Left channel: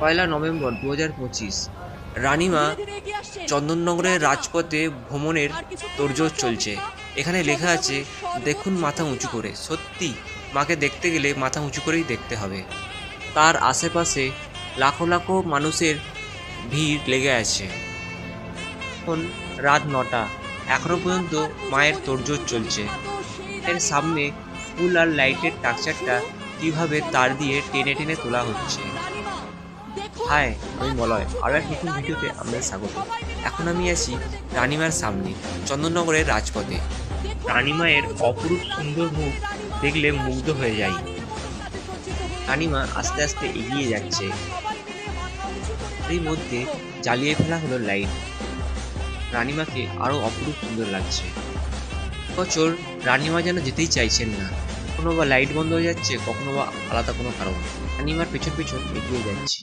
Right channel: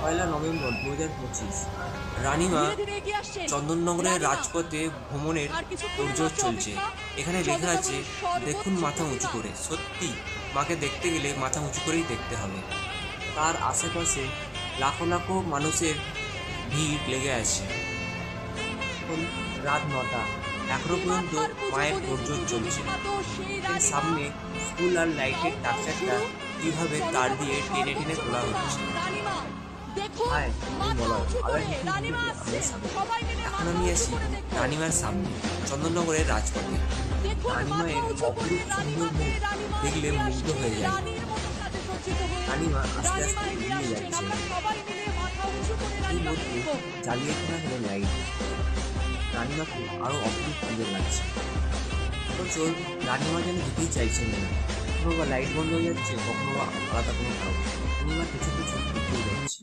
পয়লা November 2025। রানিমা চন্দননগরের রাজপথে ভ্রমণের তোড়জোড় চলছে। এখানে লেখা আছে, দেখুন মাথা উঁচু করে। সত্যি, মাকে দেখতে গেলে মাথা উঁচু করেই দেখতে হবে। তার আশেপাশে লাখো লাখো মানুষের ভিড় লেগে আছে। এখন রাত 9টা, এখনো পর্যন্ত মায়ের তোড়জোড় চলছে। এর সামনে ফুল আর লাইটের টাকচারটা কিভাবে তার দিয়ে টেনে টেনে তোলা হচ্ছে। হাই, আমি মলয়। আরও এক নতুন ভিডিওতে আপনাদের স্বাগত। এখন আমি আছি রানিমার সামনে, চন্দননগরের রাজপথে। রানিমায়ের অপরূপ সুন্দর মুখ দেখলে মুগ্ধ হয়ে যায়। রানিমা আস্তে আস্তে এগিয়ে যাচ্ছে। এর মধ্যে জ্বালিয়ে ফেলা হলো লাইট। রানিমাকে আরও অপরূপ সুন্দর লাগছে। বছর রানিমা যেন যেতেই চাইছেন না। কখনো বা লাইট বন্ধ হয়ে যাচ্ছে, কখনো বা আলাদা কোনো কারণ। রানিমার পেছন পেছন এগিয়ে যাচ্ছি।